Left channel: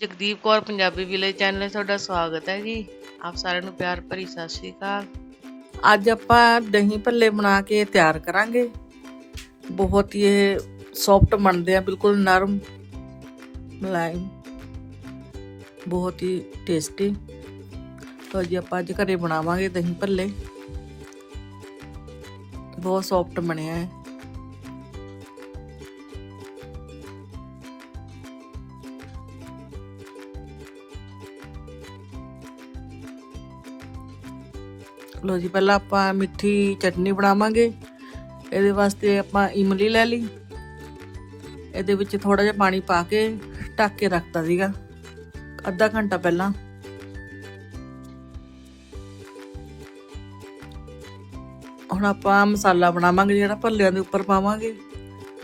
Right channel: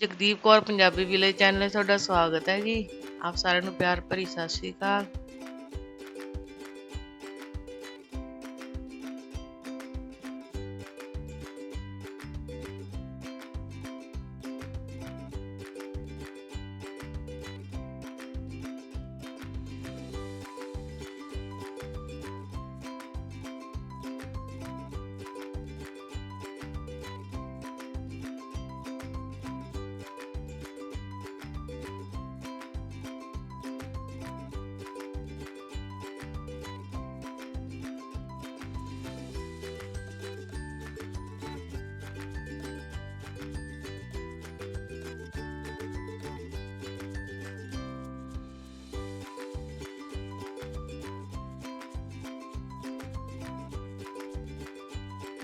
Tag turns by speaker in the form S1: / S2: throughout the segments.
S1: Jagdeep Kaur Punjabi village channel 'ਤੇ ਤੁਹਾਡਾ ਸਵਾਗਤ ਹੈ ਜੀ। ਆਪ ਸਾਰਿਆਂ ਨੂੰ ਪਿਆਰ ਭਰੀ ਸਤਿ ਸ਼੍ਰੀ ਅਕਾਲ।
S2: ਅੱਜ ਆਪਾਂ ਦਹੀਂ ਭੱਲੇ ਬਣਾ ਕੇ ਤਿਆਰ ਕਰਾਂਗੇ। ਬਹੁਤ ਹੀ ਇਹ ਸੌਫਟ ਬਣਦੇ ਆ, ਬਿਲਕੁਲ ਨਰਮ ਮਲਾਈ ਬਹੁਤ ਹੀ ਟੇਸਟੀ ਤਾਂ ਜੀ ਆਪਾਂ ਅੱਜ ਘਰੇ ਬਣਾਵਾਂਗੇ ਦਹੀਂ ਭੱਲੇ। ਬਹੁਤ ਸੌਫਟ ਬਣਿਆ ਹੈ। ਲੋ ਜੀ, ਪਹਿਲਾਂ ਆਪਾਂ ਮਿੱਠੀ ਚਟਨੀ ਬਣਾਵਾਂਗੇ। ਇਹਦੇ ਵਾਸਤੇ ਆਪਾਂ ਇਮਲੀ ਲੈ ਲਈ। ਇਹਦੇ ਵਿੱਚ ਥੋੜਾ ਜਿਹਾ ਪਾਣੀ ਪਾ ਕੇ ਢੱਕ ਕੇ ਰੱਖਤਾ ਸੀਗਾ। ਅੱਧਾ ਘੰਟਾ ਪਹਿਲਾਂ। ਹੁਣ ਆਪਾਂ ਮਸਾਲਾ ਬਣਾਵਾਂਗੇ, ਜਿਹੜਾ ਭੱਲਿਆਂ ਦੇ ਉੱਪਰ ਪਾਵਾਂਗੇ।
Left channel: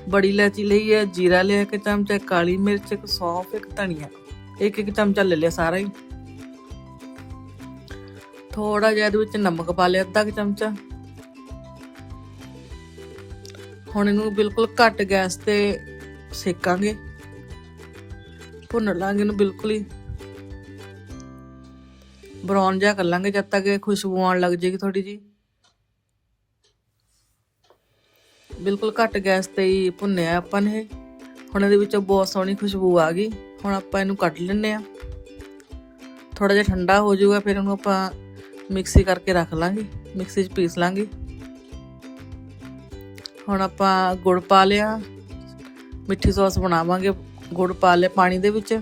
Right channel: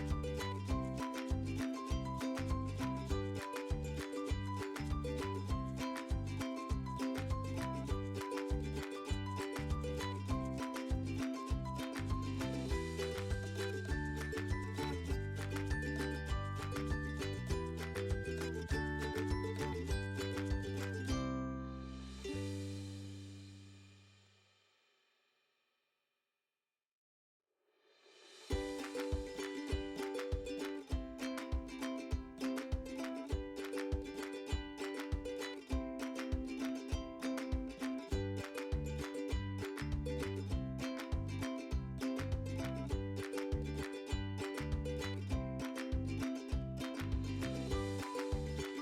S2: ਬੜੀ ਇਲਾਇਚੀ ਲਈ ਹੈ, ਜੀਰਾ ਲਿਆ ਇੱਕ ਚਮਚਾ, ਕਾਲੀ ਮਿਰਚ, ਇੱਕ ਸੌਂਫ, ਇੱਕ ਧਨੀਆ। ਇੱਕ ਇੱਕ ਚਮਚਾ ਲੈ ਲਿਆ ਸਾਰਾ ਹੀ। ਥੋੜਾ ਜਿਹਾ ਇਹਦੇ ਵਿੱਚ ਨਮਕ ਪਾ ਲਿਆ, ਅੱਧਾ ਕੁ ਚਮਚਾ। ਹੁਣ ਇਹਨੂੰ ਬਿਲਕੁਲ ਘੱਟ ਗੈਸ ਤੇ ਸੇਕਾਂਗੇ। ਭੁੰਨ ਲਾਂਗੇ ਇਹਨੂੰ ਬਿਲਕੁਲ ਹੀ। ਬਰਾਊਨ ਜਿਹਾ ਕਰ ਲਾਂਗੇ ਜਦ ਤੱਕ ਇਹ ਖੁਸ਼ਬੂ ਆਉਣ ਲੱਗ ਜੇਗੀ ਥੋੜੀ ਜੀ ਬਿਲਕੁਲ ਘੱਟ ਗੈਸ ਤੇ ਹੀ ਭੁੰਨਿਆ ਆਪਾਂ ਨੇ ਇਹ। ਹੁਣ ਇਹਦੇ ਵਿੱਚੋਂ ਬਹੁਤ ਸੋਹਣੀ ਖੁਸ਼ਬੂ ਆ ਗਈ। ਹੁਣ ਆਪਾਂ ਇਹਨੂੰ ਕੱਢ ਲੈਂਦੇ ਆ ਥੋੜਾ ਜਿਹਾ ਠੰਡਾ ਹੋ ਜਾਊਗਾ, ਫਿਰ ਉਹਨੂੰ ਆਪਾਂ ਮਿਕਸੀ ਕਰਕੇ ਰੱਖ ਲਾਂਗੇ, ਮਿਕਸੀ 'ਚ ਪੀਸ ਲਾਂਗੇ। ਹੁਣ ਆਪਾਂ ਗੁੜ ਪਾ ਲਿਆ, ਮਿੱਠੀ ਸੌਸ ਬਣਾਵਾਂਗੇ ਗੁੜ ਪਾ ਲਿਆ ਪਾਣੀ ਦੇ ਵਿੱਚ।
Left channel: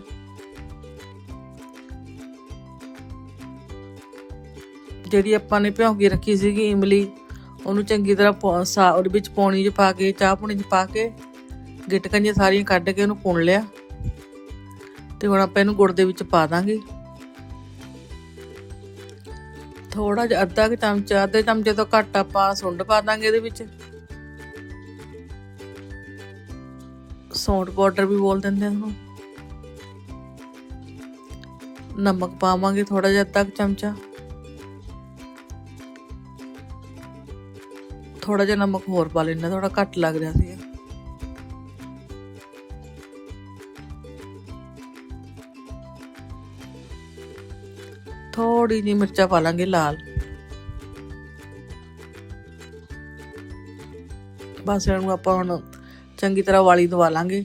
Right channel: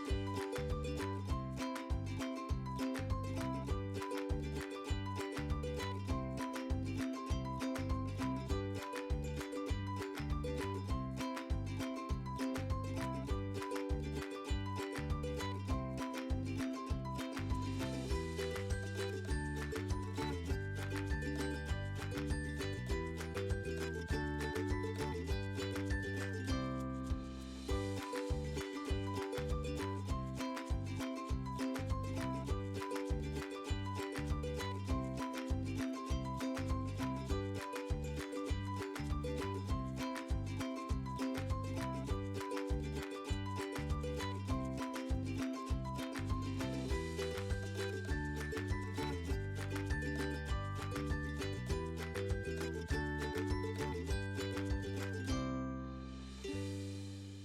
S2: ਜਿਹੜੀ ਆਪਾਂ ਨੇ ਭਿਉਂ ਕੇ ਰੱਖੀ ਸੀਗੀ ਇਮਲੀ, ਉਹਨੂੰ ਚੰਗੀ ਤਰ੍ਹਾਂ ਪਾ- ਸਾ, ਉਹਦੇ ਵਿੱਚ ਪਾਣੀ 'ਚ ਪਾ ਕੇ, ਚਾਹ ਪਾਣੀ 'ਚ ਪਾ ਕੇ ਗਿਟਕਾਂ ਜਿਹੀਆਂ ਸਾਰੀਆਂ ਕੱਢ ਕੇ ਉਹਨੂੰ ਪੁਣ ਲਿਆ। ਤੇ ਹੁਣ ਆਪਾਂ ਇਹਨੂੰ ਗੁੜ ਦੇ ਵਿੱਚ ਪਾ ਦਾਂਗੇ। ਥੋੜਾ ਜਿਹਾ ਅੱਧਾ ਕਿ ਚਮਚਾ ਅੱਧੇ ਚਮਚੇ ਤੋਂ ਘੱਟ ਆਪਾਂ ਸੁੰਡ ਪਾ ਦਾਂਗੇ ਇਹਦੇ ਵਿੱਚ। ਸੌਂਟ ਪਾਊਡਰ ਵੀ ਬੋਲ ਦਿੰਦੇ ਇਹਨੂੰ। ਨਮਕ ਪਾਵਾਂਗੇ ਥੋੜਾ ਜਿਹਾ ਅੱਧਾ ਕੁ ਚਮਚਾ। ਥੋੜਾ ਜਿਹਾ ਨਮਕ ਹੋਰ ਪਾ ਲੈਣਾ ਥੋੜਾ ਘੱਟ ਲੱਗ ਰਿਹਾ ਸੀ ਥੋੜੀ ਜਿਹੀ ਮਿਰਚਾਂ ਪਾ ਲਾਂਗੇ ਲਾਲ। ਬਸ ਇਹਨੂੰ ਆਪਾਂ ਹੁਣ ਚੰਗੀ ਤਰ੍ਹਾਂ ਵਾਲੀ ਦਵਾ ਲਾਂਗੇ।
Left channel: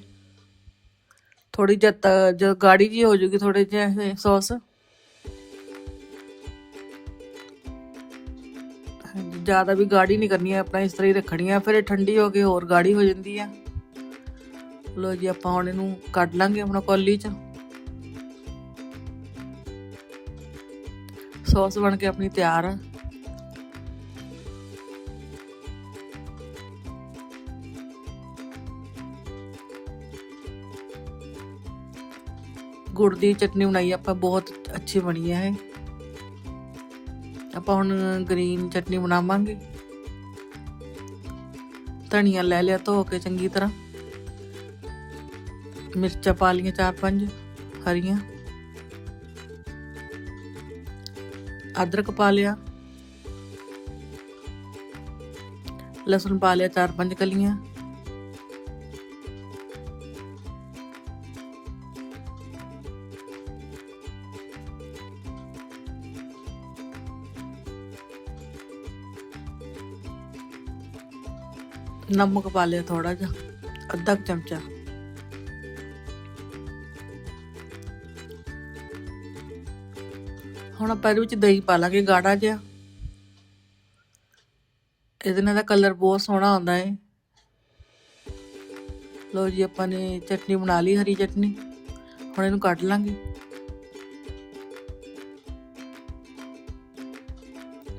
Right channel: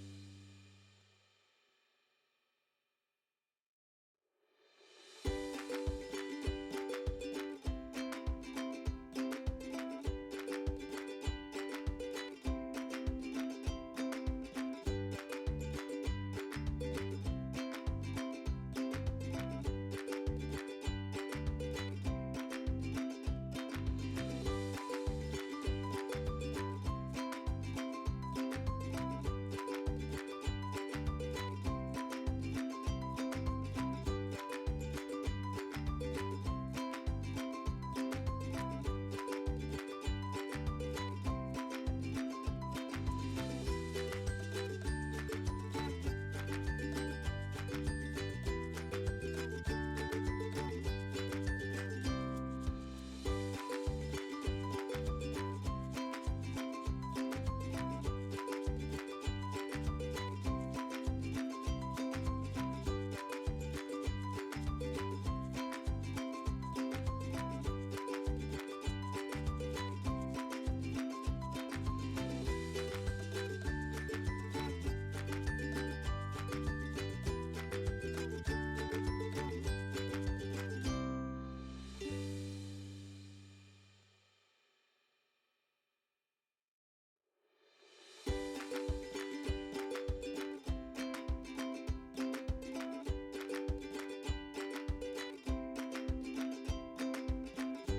S2: ਥੋੜੀ ਜਦ ਜਦ ਗਾੜੀ ਜੀ ਹੋ ਜੂਗੀ ਥੋੜੇ ਜਿਹਾ ਸੌਸ। ਜ਼ਿਆਦਾ ਵੀ ਗਾੜੀ ਨਹੀਂ ਕਰਨੀ ਹੈ ਆਪਣਾ ਇਸ ਤਰ੍ਹਾਂ ਹੀ ਰੱਖਣੀ ਹੈ ਫਿਰ ਇਹ ਠੰਡੀ ਹੋ ਕੇ ਹੋਰ ਗਾੜੀ ਹੋ ਜਾਂਦੀ ਹੈ ਲੋ ਜੀ, ਆਪਾਂ ਹੁਣ ਇਹਨੂੰ ਕੱਢ ਲਾਂਗੇ ਆਪਣਾ ਕੌਲੀ ਚ। ਸੌਸ ਬਣ ਕੇ ਆਪਣੀ ਤਿਆਰ ਆ। ਗੁੜ ਦੀ ਚਟਨੀ ਬਣਾਈ, ਆਪਾਂ ਬਹੁਤ ਅੱਛੀ ਬਣੀ ਹੈ ਆਪਾਂ ਹੁਣ ਗ੍ਰੀਨ ਚਟਨੀ ਬਣਾਵਾਂਗੇ। ਧਨੀਆ ਲੈ ਲਿਆ ਧੋ ਕੇ ਚੰਗੀ ਤਰ੍ਹਾਂ। ਮਿਰਚਾਂ ਪਾ ਲਈਆਂ ਚਾਰ ਪੰਜ, ਹਰੀਆਂ। ਅਦਰਕ ਪਾ ਲਿਆ। ਲਸਣ ਪਾ ਲਿਆ ਚਾਰ ਪੰਜ ਕਲੀਆਂ। ਨਮਕ ਪਾ ਲਿਆ ਥੋੜਾ ਜਿਹਾ, ਅੱਧਾ ਚਮਚਾ। ਹੁਣ ਆਪਾਂ ਇਹਦੇ ਵਿੱਚ ਦਹੀਂ ਪਾ ਲਾਂਗੇ, ਗਾੜਾ ਜਿਹਾ। ਇਹਦੇ ਨਾਲ ਦਾ ਕਲਰ ਬਹੁਤ ਸੋਹਣਾ ਆਉਂਦਾ ਹੈ ਲੋ ਜੀ, ਆਪਾਂ ਨੇ ਚਟਨੀ ਬਣਾ ਲਈ, ਹਰੀ ਚਟਨੀ। ਹੁਣ ਇਹਨੂੰ ਕੱਢ ਲਾਂਗੇ।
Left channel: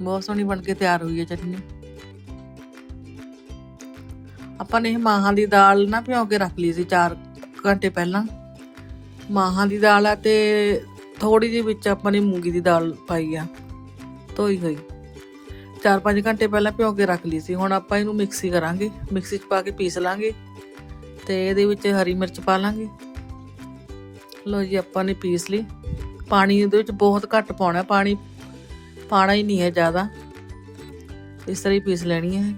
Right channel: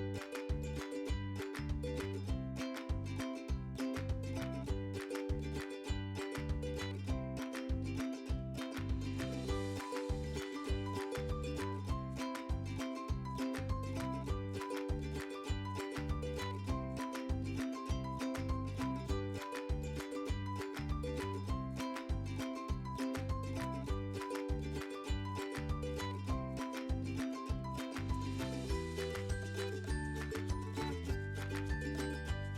S2: ਬਹੁਤ ਸੋਹਣੀ ਬਣ ਕੇ ਤਿਆਰ ਹੋਈ ਹੈ ਚਟਨੀ। ਆਪਾਂ ਨੇ ਇਹ ਮਾਹਾਂ ਦੀ ਦਾਲ ਨਾ ਭਿਓ ਕੇ ਰੱਖ ਲਈ ਸੀ 4 ਘੰਟੇ ਪਹਿਲਾਂ। ਮਾਹਾਂ ਦੀ ਦਾਲ ਆ ਤੇ ਥੋੜੀ ਜਿਹੀ ਵਿੱਚ ਆਪਾਂ ਨੇ ਮੂੰਗੀ ਦੀ ਦਾਲ ਪਾਈ ਆ, ਧੋਈ ਹੋਈ। 4-5 ਘੰਟੇ ਪਹਿਲਾਂ ਭਿਓ ਕੇ ਰੱਖ ਲਈ ਸੀ, ਹੁਣ ਆਪਾਂ ਇਹਨੂੰ ਮਿਕਸੀ ਕਰਾਂਗੇ, ਮਿਕਸੀ 'ਚ ਪਾ ਕੇ ਪੀਸ ਲਾਂਗੇ ਤੇ ਇਹਦੇ ਵਿੱਚ ਹਰੀ ਮਿਰਚ ਪਾ ਲਾਂਗੇ। ਲੋ ਜੀ, ਆਪਾਂ ਨੇ ਪੀਸ ਲਈ। ਪਾਣੀ ਇਹਦੇ ਵਿੱਚ ਬਹੁਤ ਘੱਟ ਪਾਉਣਾ, ਪਾਣੀ ਪਾਣਾ ਹੀ ਨਹੀਂ ਹੈ ਜ਼ਿਆਦਾ। ਇਸ ਤਰ੍ਹਾਂ ਹੀ ਪੀਸ ਲੈਣੀ ਹੈ।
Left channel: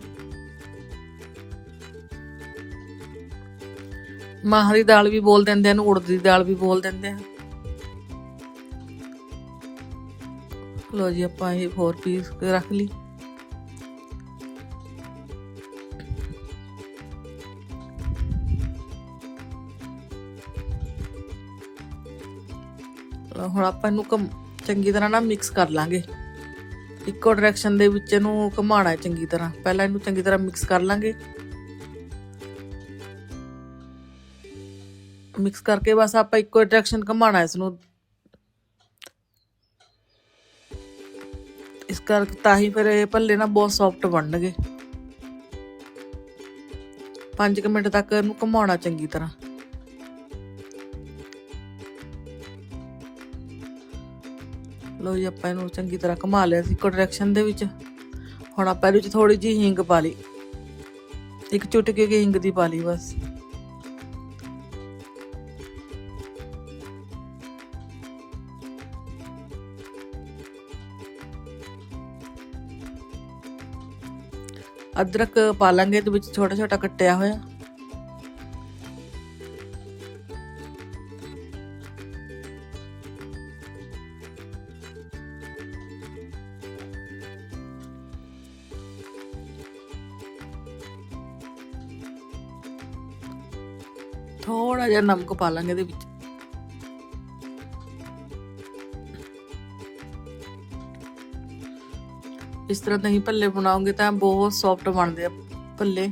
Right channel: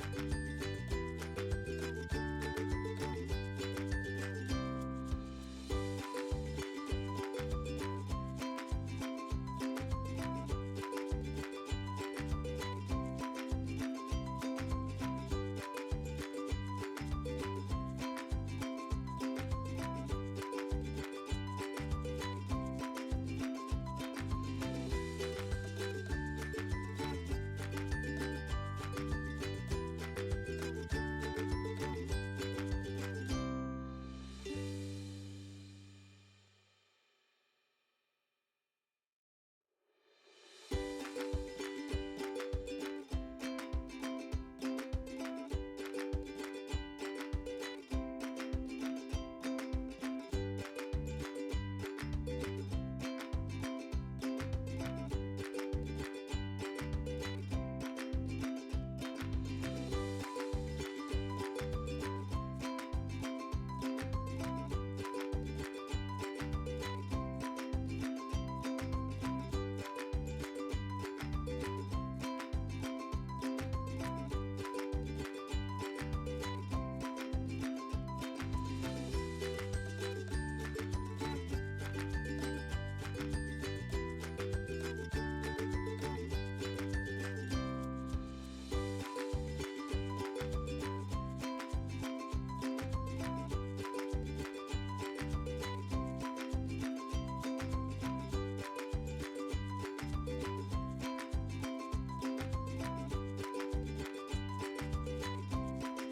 S2: ਮਾਹਾਂ ਦੀ ਦਾਲ ਵੀ ਬੋਲ ਦਿੰਦੇ ਆ ਨੂੰ ਉੜਦ ਦੀ ਦਾਲ ਵੀ ਬੋਲ ਦਿੰਦੇ ਆ। ਲੋ ਜੀ, ਆਪਾਂ ਇਹ 4 ਪੀਸ ਰੱਖ ਲਈ। ਹੁਣ ਆਪਾਂ ਇਹਨੂੰ ਘੁੰਮ- ਚੰਗੀ ਤਰ੍ਹਾਂ ਨਾ ਮਿਕਸ ਕਰ ਲਾਂਗੇ। ਇੱਕੋ ਡਾਇਰੈਕਸ਼ਨ ਦੇ ਵਿੱਚ ਇਹਨੂੰ ਘੁਮਾਉਣਾ ਚੰਗੀ ਤਰ੍ਹਾਂ। ਪਹਿਲਾਂ ਇਹਨੂੰ ਚੰਗੀ ਤਰ੍ਹਾਂ ਮਿਕਸ ਕਰ ਲਾਂਗੇ। ਮਿਕਸ ਕਰਕੇ ਬਸ ਆਪਾਂ ਇੱਕੋ ਡਾਇਰੈਕਸ਼ਨ ਘੁਮਾਉਣਾ ਹੈ ਇਸ ਨੂੰ। ਇਸ ਕਰਕੇ ਤਾਂ ਹੀ ਫਿਰ ਇਹ ਭੱਲੇ ਨਾ ਬਹੁਤ ਸੌਫਟ ਬਣਨਗੇ। 5 ਮਿੰਟ ਤੱਕ ਇਹਨੂੰ ਘੁਮਾਉਣਾ ਚੰਗੀ ਤਰ੍ਹਾਂ। ਲੋ ਜੀ, ਆਪਾਂ ਇਹਨੂੰ ਚੰਗੀ ਤਰ੍ਹਾਂ ਘੁਮਾ ਲਿਆ ਸੀ ਇੱਕੋ ਡਾਇਰੈਕਸ਼ਨ ਦੇ ਵਿੱਚ। ਹੁਣ ਆਪਾਂ ਇਹਦੇ ਵਿੱਚ ਥੋੜੀ ਜਿਹੀ ਹਿੰਗ ਪਾ ਲਈ। ਇੱਕ ਚੁਟਕੀ ਹਿੰਗ ਦੀ ਪਾ ਲਈ ਬਸ। ਅਦਰਕ ਪਾ ਲਾਂਗੇ, ਇਹਦੇ ਵਿੱਚ ਛੋਟਾ ਛੋਟਾ ਕੱਟਿਆ ਹੋਇਆ। ਥੋੜਾ ਜਿਹਾ ਨਮਕ ਪਾ ਲਾਂਗੇ ਇਹਦੇ ਵਿੱਚ। ਤਰ੍ਹਾਂ ਤੁਸੀਂ ਭੱਲੇ ਬਣਾਓਗੇ ਤਾਂ ਬਹੁਤ ਸੌਫਟ ਬਣਦੇ ਆ ਭੱਲੇ।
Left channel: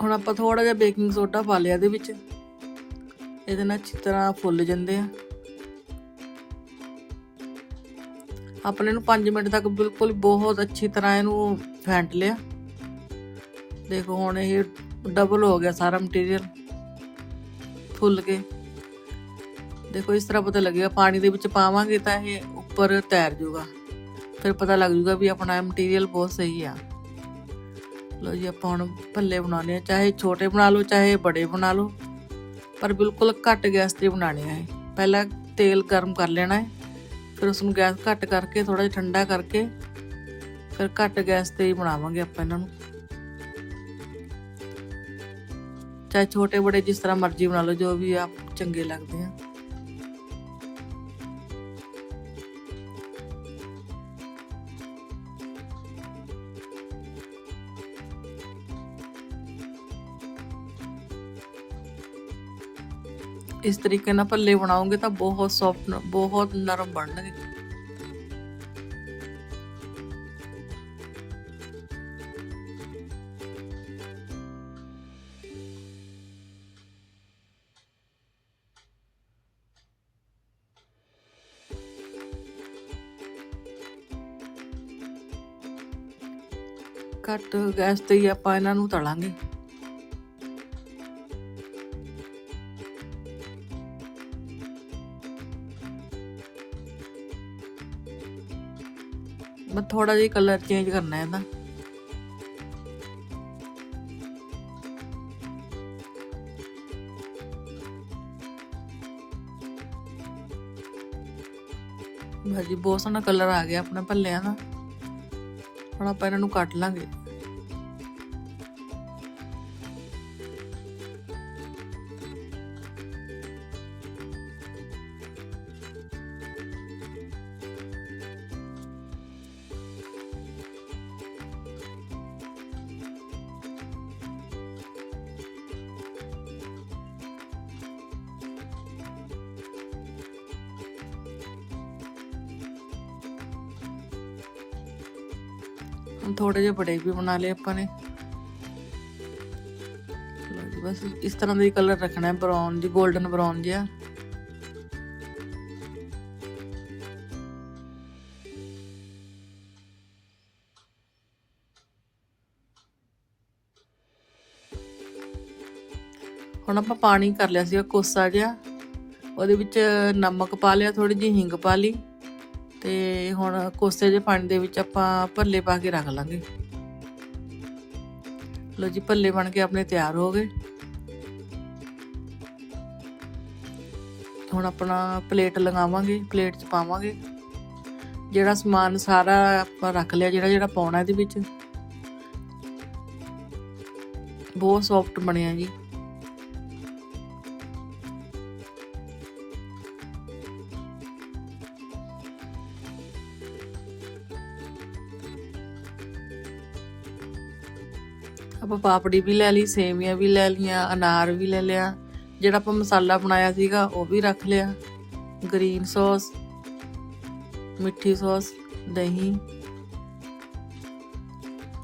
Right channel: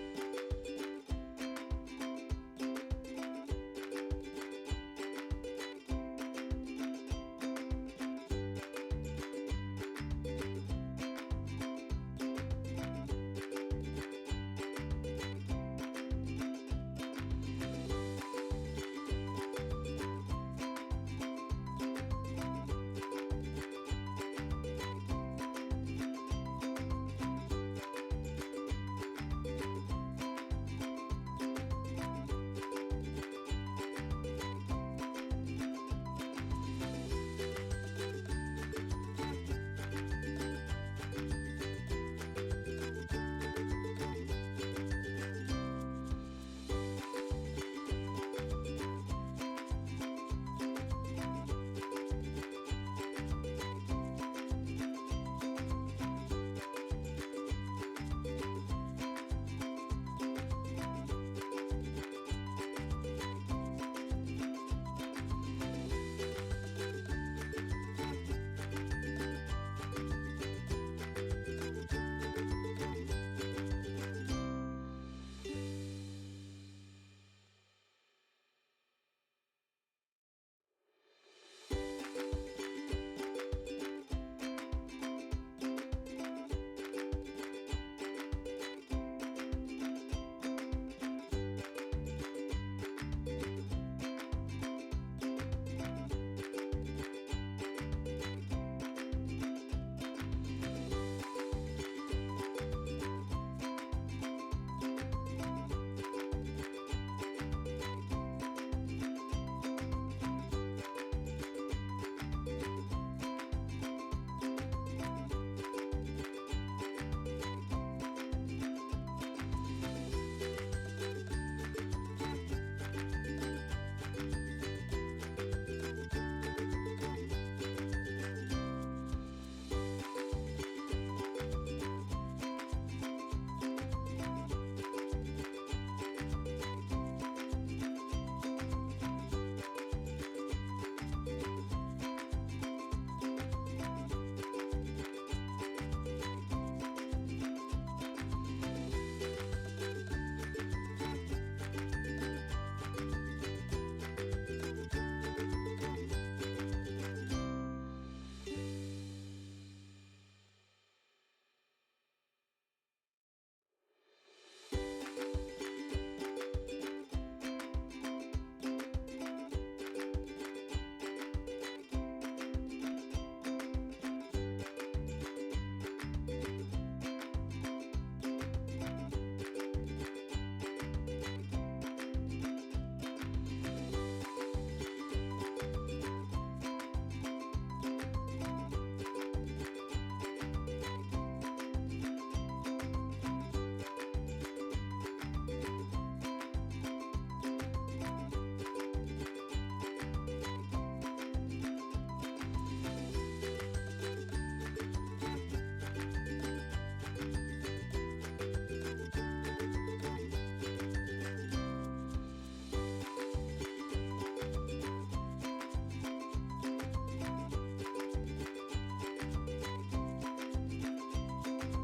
S2: ਹੁਣ ਆਪਾਂ ਥੋੜਾ ਜਿਹਾ ਬੇਕਿੰਗ ਸੋਡਾ ਪਾ ਲਿਆ ਇਹਦੇ ਵਿੱਚ। ਇਹਦੇ ਨਾਲ ਅੱਛੀ ਫੁੱਲ ਜਾਂਦੇ ਆ। ਆਪਣੇ ਨੂੰ 5 ਮਿੰਟ ਤੱਕ ਬਿਲਕੁਲ ਬਹੁਤ ਅੱਛੀ ਤਰ੍ਹਾਂ ਇਹਨੂੰ ਫੈਂਟ ਲਿਆ। ਦੇਖੋ ਹੁਣ ਇਹ ਡਬਲ ਹੋ ਗਿਆ ਸਾਰਾ ਮਟੀਰੀਅਲ ਫੁੱਲ ਕੇ। ਦੇਖੋ ਇਸ ਤਰ੍ਹਾਂ ਪਤਾ ਲੱਗੇਗਾ, ਪਾਣੀ ਦੇ ਵਿੱਚ ਪਾਵਾਂਗੇ ਤਾਂ ਇਹ ਉੱਪਰ ਤੈਰ ਜਾਊਗਾ। ਫਿਰ ਪਤਾ ਲੱਗ ਜਾਊਗਾ ਵੀ ਆਪਣਾ ਮਟੀਰੀਅਲ ਬਹੁਤ ਸਹੀ ਆ। ਲੋ ਜੀ, ਆਪਾਂ ਹੁਣ ਭੱਲੇ ਬਣਾਉਣੇ ਆ ਚਾਹੇ ਛੋਟੇ ਬਣਾ ਲਓ, ਚਾਹੇ ਬੜੇ ਬਣਾ ਲਓ। ਪਰ ਬਿਲਕੁਲ ਘੱਟ ਗੈਸ ਤੇ ਬਣਾਉਣੇ ਆ ਪਹਿਲਾਂ ਤੇਲ ਗਰਮ ਕਰ ਲੈਣਾ ਹੈ। ਫਿਰ ਉਸ ਨੂੰ ਗੈਸ ਘੱਟ ਕਰਕੇ ਥੋੜਾ ਜਿਹਾ ਠੰਡਾ ਕਰਕੇ ਫਿਰ ਘੱਟ ਗੈਸ ਤੇ ਹੀ ਬਣਾਵਾਂਗੇ ਆਪਾਂ ਇਹਨਾਂ ਨੂੰ। ਚਾਹੇ ਛੋਟੇ ਬੜੇ ਜਿਸ ਤਰ੍ਹਾਂ ਮਰਜ਼ੀ ਬਣਾ ਲਓ, ਜੋ ਵੀ ਆਪ ਚੰਗੇ ਲੱਗਦੇ ਆ। ਇਸ ਤਰੀਕੇ ਨਾਲ ਭੱਲੇ ਬਣਾਓਗੇ ਤਾਂ ਬਹੁਤ ਸੌਫਟ ਬਹੁਤ ਨਰਮ ਬਣਨਗੇ। ਘੱਟ ਗੈਸ ਤੇ ਹੀ ਆਪਾਂ ਇਹਨਾਂ ਨੂੰ ਤਲਾਂਗੇ। ਥੋੜਾ ਜਿਹਾ ਕਲਰ ਚੇਂਜ ਕਰਨਾ ਹੈ ਇਹਦਾ ਭਾਜੀ ਬਹੁਤ ਸੋਹਣਾ ਕਲਰ ਆ ਗਿਆ ਆਪਣੇ ਭੱਲਿਆਂ ਦਾ। ਹੁਣ ਆਪਾਂ ਇਹਨਾਂ ਨੂੰ ਕੱਟ ਲਾਂਗੇ। ਥੋੜੇ ਜਿਹੇ ਬੜੇ ਵੀ ਬਣਾ ਲਏ ਆਪਾਂ ਨੇ। ਬਸ ਇਸ ਤਰ੍ਹਾਂ ਦਾ ਹੀ ਕਲਰ ਰੱਖਣਾ ਹੈ ਬਰਾਊਨ ਜੀ 골ਡਨ ਬਰਾਊਨ ਜਿਹਾ। ਹੁਣ ਆਪਾਂ ਪਾਣੀ ਕਰ ਲਿਆ ਸੀਗਾ ਕੋਸਾ ਜਿਹਾ। ਉਹਦੇ ਵਿੱਚ ਨਮਕ ਪਾ ਲਿਆ ਥੋੜੀ ਜਿਹੀ ਹਿੰਗ ਪਾ ਲਈ। ਤੇ ਹੁਣ ਕੋਸੇ ਜਿਹੇ ਪਾਣੀ ਦੇ ਵਿੱਚ ਆਪਾਂ ਭੱਲੇ ਪਾ ਕੇ ਰੱਖ ਲਾਂਗੇ। ਲੋ ਜੀ, ਭੱਲੇ ਬਣ ਕੇ ਆਪਣੇ ਤਿਆਰ ਹੋ ਗਏ। ਹੁਣ ਆਪਣਾ ਪਲੇਟ ਲਗਾਵਾਂਗੇ ਪਲੇਟ 'ਚ ਪਾਵਾਂਗੇ। ਜਿਹੜਾ ਸਮਾਨ ਸਾਰਾ ਆਪਾਂ ਰੱਖ ਲਿਆ, ਜਿਹੜਾ ਜਿਹੜਾ ਪਾਉਣਾ ਇਹਦੇ ਵਿੱਚ। ਬਹੁਤ ਸੌਫਟ ਬਣਿਆ ਜੀ। ਆਪਾਂ ਪਾਪੜੀ ਵੀ ਲੈ ਲਈ, ਸੇਵੀਆਂ ਵੀ ਲੈ ਲਈਆਂ, ਅਨਾਰ ਵੀ ਲੈ ਲਿਆ। ਜਿਹੜਾ ਆਪਾਂ ਮਸਾਲਾ ਬਣਾਇਆ ਸੀਗਾ, ਉਹ ਵੀ ਰੱਖ ਲਿਆ। ਗ੍ਰੀਨ ਸੌਸ, ਮਿੱਠੀ ਸੌਸ, ਦਹੀਂ।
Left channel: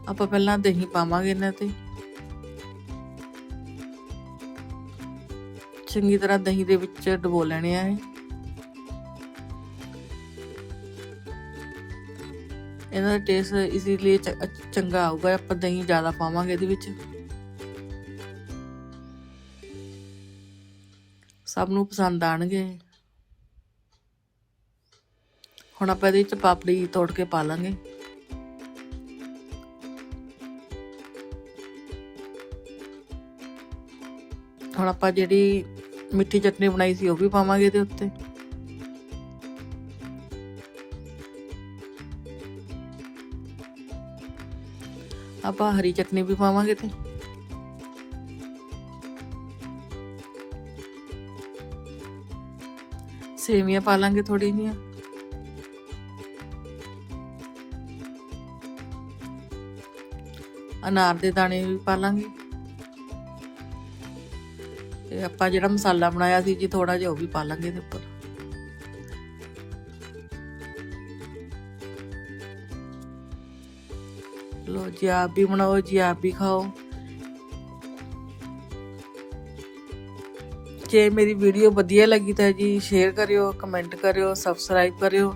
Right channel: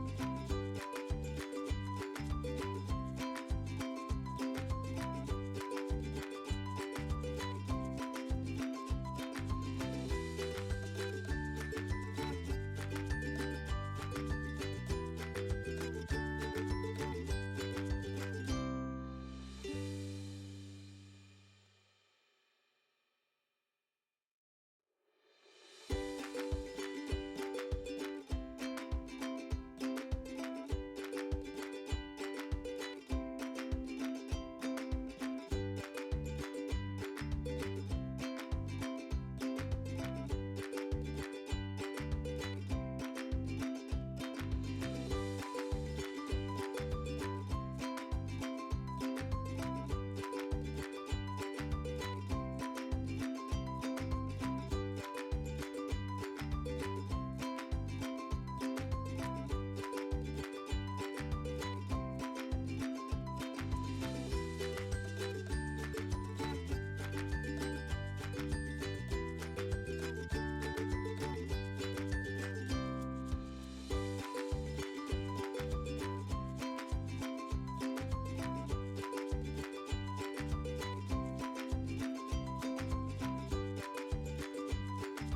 S2: ਆਪਾਂ ਪਹਿਲਾਂ ਦਹੀਂ ਪਾਵਾਂਗੇ ਇਹਨਾਂ ਤੇ। ਚੰਗੀ ਤਰ੍ਹਾਂ ਦਹੀਂ ਦੇ ਵਿੱਚ ਡਬੋ ਲੈਣੇ ਆ ਇਹ। ਇਹਨਾਂ ਦਾ ਟੇਸਟ ਇਸ ਲਈ ਚੰਗਾ ਆਊਗਾ, ਆਪਾਂ ਦਹੀਂ ਜ਼ਿਆਦਾ ਪਾਵਾਂਗੇ ਇਹਦੇ ਵਿੱਚ। ਸਭ ਨੂੰ ਪਸੰਦ ਆਣਗੇ। ਹੁਣ ਆਪਾਂ ਇਹਦੇ ਵਿੱਚ ਪਾਪੜੀ ਤੋੜ ਕੇ ਪਾ ਲਾਂਗੇ। ਹੁਣ ਆਪਾਂ ਜਿਹੜੀ ਮਿੱਠੀ ਚਟਨੀ ਬਣਾਈ ਸੀ ਉਹ ਵੀ ਪਾਵਾਂਗੇ ਇਹਦੇ ਉੱਤੇ। ਆਪਾਂ ਹਰੀ ਚਟਨੀ ਵੀ ਪਾਵਾਂਗੇ ਤੇ। ਸੇਵੀਆਂ ਪਾ ਲਾਂਗੇ ਥੋੜੀ ਜੀਆਂ ਅਨਾਰ ਦੇ ਦਾਣੇ ਵੀ ਪਾ ਲਾਂਗੇ। ਤੇ ਆਪਾਂ ਜਿਹੜਾ ਮਸਾਲਾ ਬਣਾਇਆ ਸੀ ਜੀ ਥੋੜਾ ਜਿਹਾ ਉਹ ਵੀ ਪਾ ਲਾਂਗੇ ਇਹਦੇ ਉੱਪਰ। ਲੋ ਜੀ ਆਪ ਵੀ ਬਣਾਓ, ਜੀ ਆਪ ਵੀ ਖਾਓ। ਜੇ ਮੇਰੀ ਵੀਡੀਓ ਵਧੀਆ ਲੱਗੀ ਤਾਂ ਜੀ ਸ਼ੇਅਰ ਕਰਿਓ ਕਮੈਂਟ ਕਰਿਓ ਸਬਸਕ੍ਰਾਈਬ ਕਰਿਓ।